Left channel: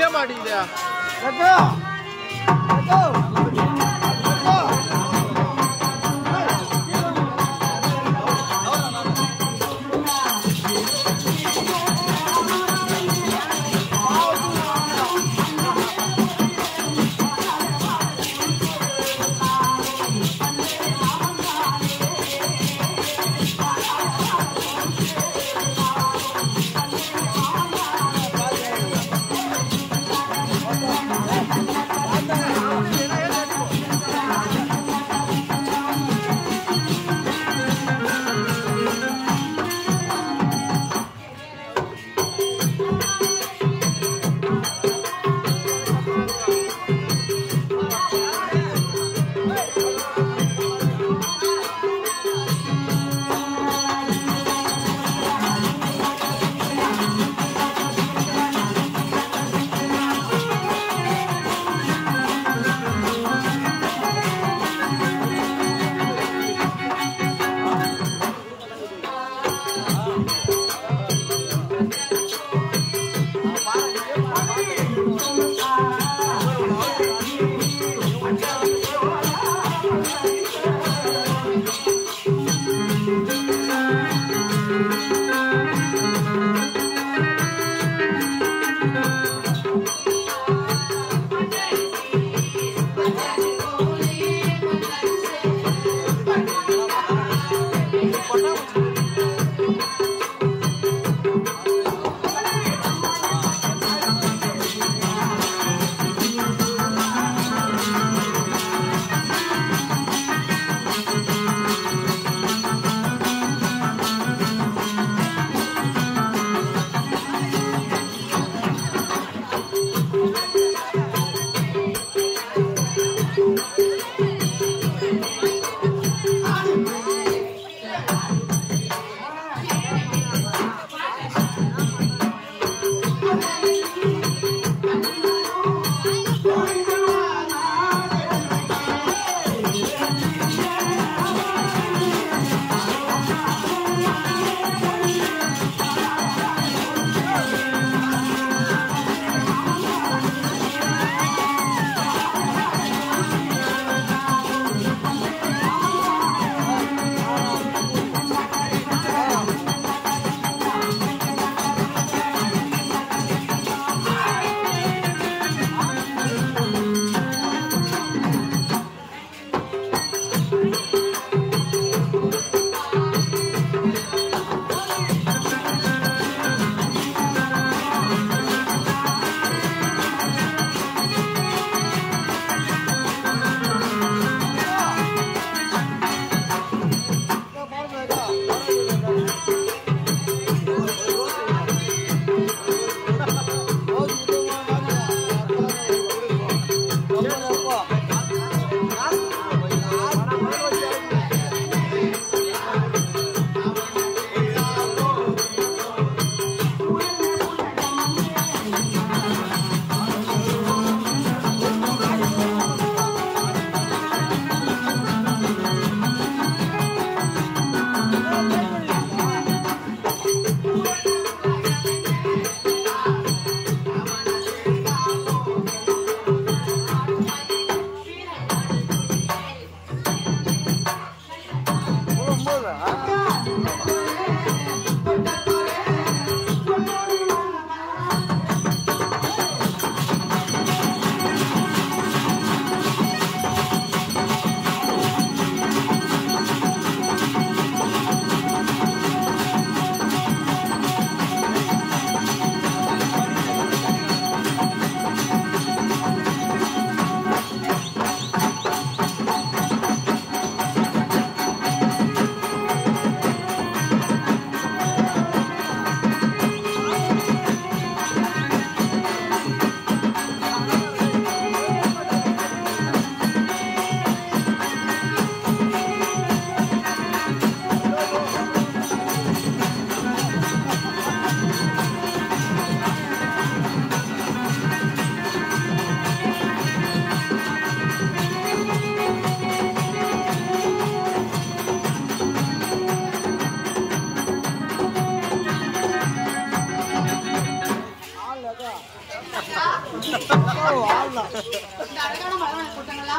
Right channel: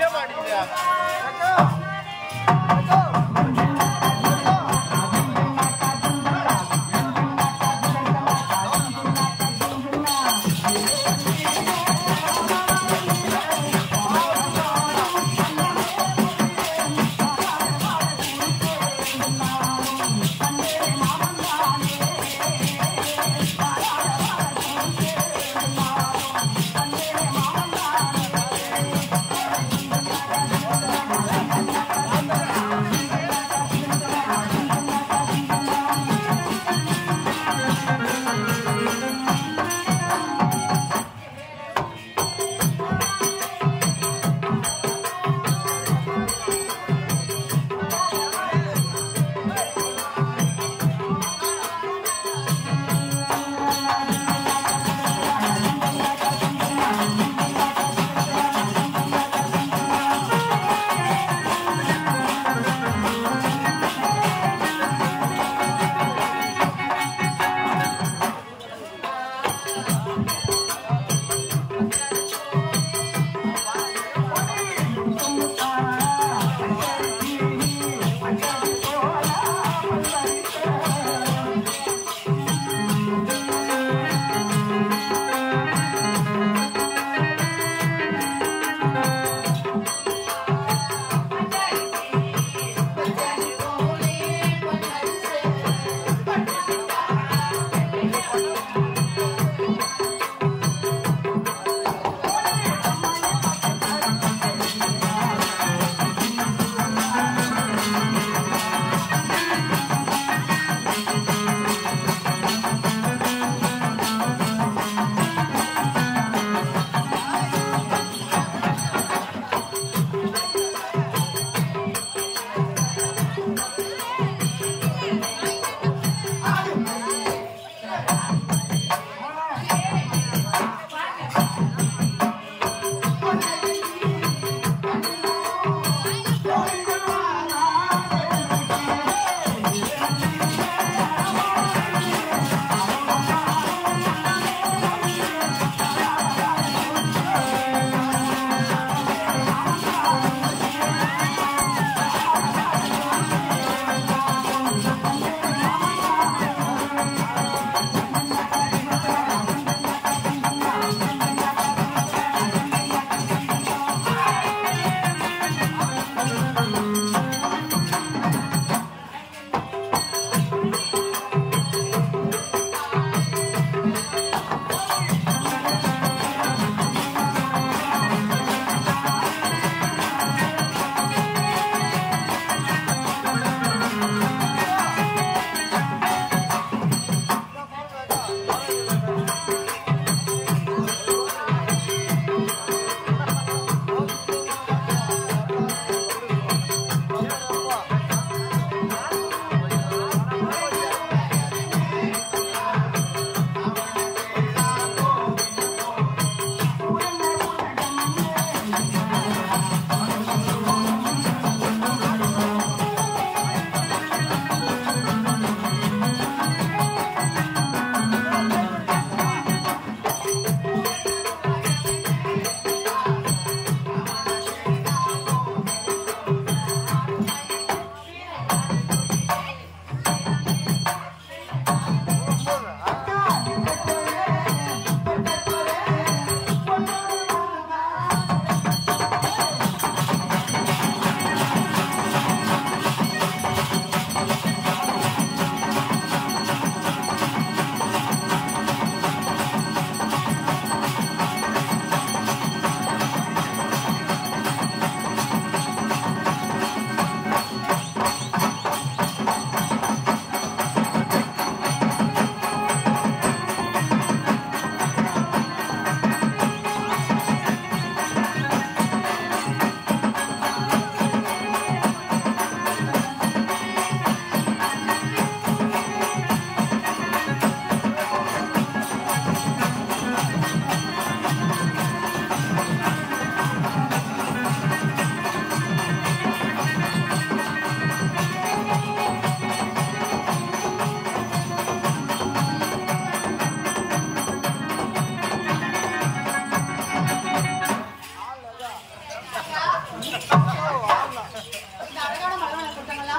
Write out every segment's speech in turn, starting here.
நிக்க மாட்டேங்குது.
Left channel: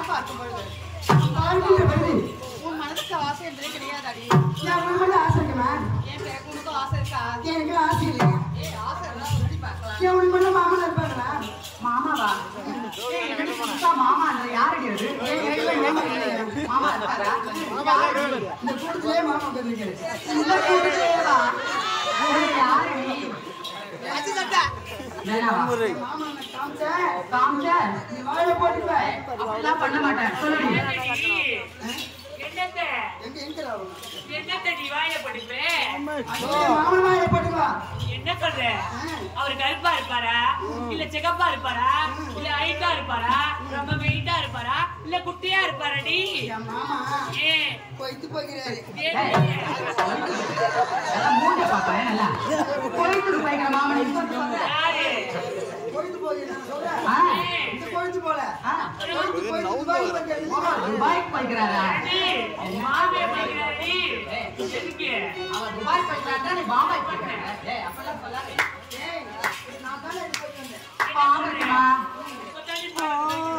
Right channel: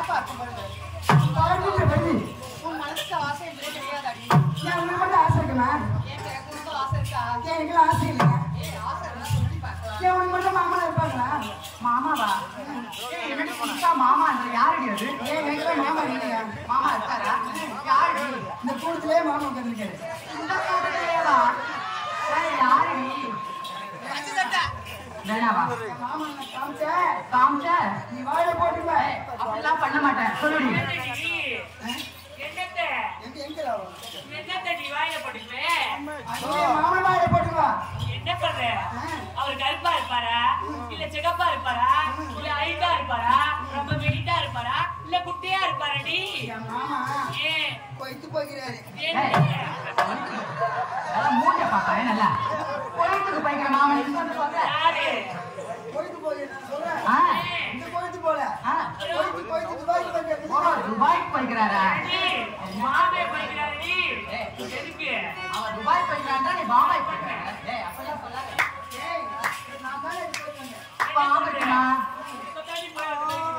பார்க்கும் பொழுது உன் மனசுக்கு ஆசை என்றே கிடையாதாடி. உனக்கு ஆசை இருக்குமா? உனக்கு ஆசை இருக்கா? எனக்கு ஆசை இல்லையா? ஆசை இருந்தா சொல்லி பார்க்கலாம். உனக்கு மட்டும் மாமா இருப்பாங்களா? மாமாவா? என்னடி புதுசா மாமான்ற யாரடி அது? எனக்கு மாமா இல்லையா? மாமா இருக்காரா? யாரடி? இந்த கூட்டத்திலே மாமா உட்காந்துருக்காரு. இந்த கூட்டத்திலேவா? யாரடி? வேணாவா? மாமா காமிச்ச நீ வாயில போட்டுக்க. அப்படிலாம் பண்ண மாட்டேன். சொல்லுடி. மாமன் வாயில போட்டுக்கா. என்ன சொல்ற? அவர் கருப்பா இருப்பாரா, இல்ல சிகப்பா இருப்பாரா, இல்ல ஹைட்டா இருப்பாரா, ரொம்ப வெயிட்டா இருப்பாரா, இல்ல குட்டியா இருப்பாரடி? மாமா ஏன் போயிட்டு போகிறாரு. மூஞ்ச பாப்பா நல்லா கோயிலுக்கு போய்க்கிற மாமன் சொல்ற யாரு? போயிட்டு போகிறேன் சொல்றேன். இந்த போயிட்டு போல போயிட்டு துபாய்க்கு போய்க்கிறாரா? மாமே போய்க்கிறாரடி. எதுக்கு? அவர் துபாய் போய்க்கிறான், நீ பாபாய் போய்க்கிற. அப்பெல்லாம் சொல்லாத. நான் தானே போயிட்டு வந்தேன். பாவம் இருக்குமா? இப்பதாண்டி போய்க்கிறேன்.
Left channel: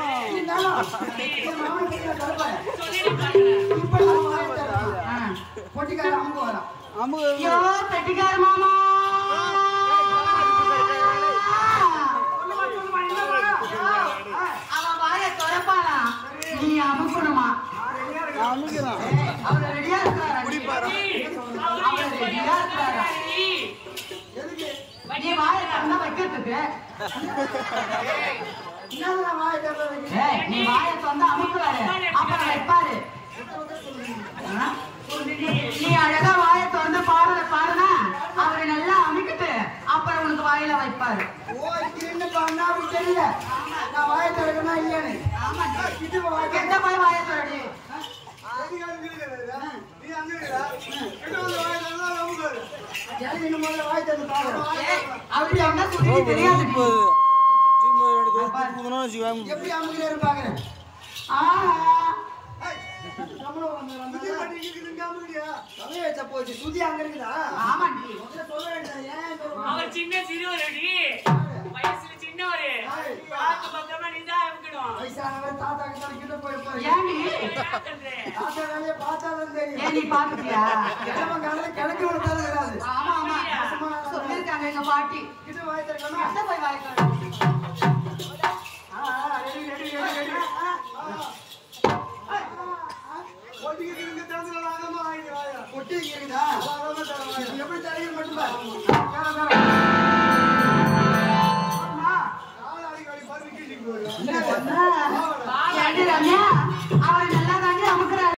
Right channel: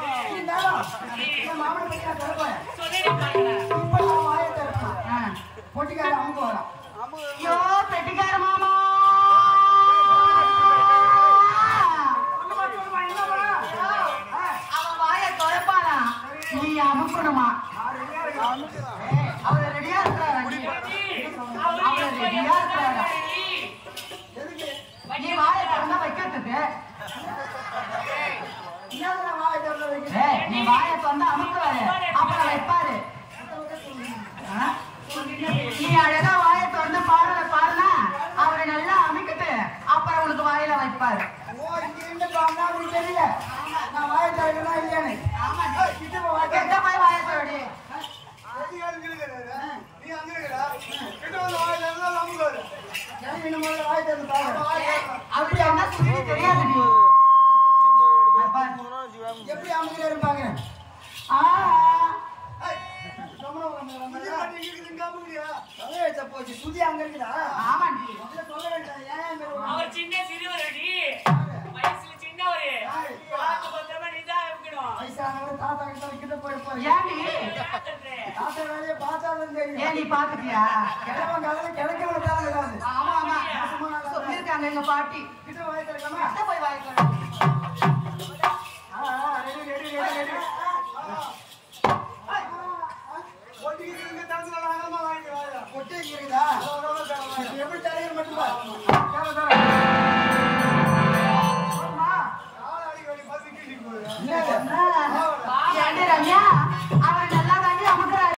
மாமனை பத்தி நான் சொல்றேன். சொல்லி பாருங்க. இப்ப நான் வாயை திறப்பேன். பொட்டிக்கார அமுக்கு வரான். ஐயோ பெட்டிக்கார மாமா அவன் வாய திறப்பானா? நீ அமுக்கணுமா? அவரு ரெடியா இருக்கிறாரா? அவரு ரெடியா இருக்கிறாரா? நீ வாய திறந்தா வைக்கிறதுக்கு. என்ன வாயை திறந்து வைக்கிறேன்? நீ வாய திறந்தா அமுக்குவாரு, அப்புறம் வைப்பாரு. நீ அழகா வாய திறந்து பாருனா அவரை நல்லா அமைக்கிட்டு அப்புறம் உனக்கு வாயில வைப்பாரு. ஓ இங்க இருந்து பாருன்னா அப்படி தெரியல. நான் வாயை திறக்கணும் இல்லையானு. எந்த போய் வாய திறடி. வாயை திறந்து பாரு. அப்படி என்ன சொல்லி தெரியாது. எப்படி அமுக்கிட்டே இருப்பாங்க? போச்சு சுதி அங்க இருக்குதா? ஆமாண்டி. சொல்ல வேண்டாம். அவர் சின்ன சிறுவரடி, வயசுல சின்னவரு. பார்த்து பத்திரமா நீதான் இருக்கணும். வயசானவர் தாத்தா கிட்ட போயிருப்பாரு. ஏண்டி தாத்தா வேலையை பார்த்தாதான் தெரியும். ஏன் நீ பாத்துட்டியா? கிழவன் காலையில கிழக்கு வரத்தாலும் விடாது. ஆமா ஆமா சொல்லிருக்காங்க எங்க பாட்டி. கிட்ட வாய் திறக்கணும். எந்த போய் வாய திறடி. Ready ready ready ready. பொட்டி இருக்குதா? எப்படி தலைவர் மட்டும் ரம்யா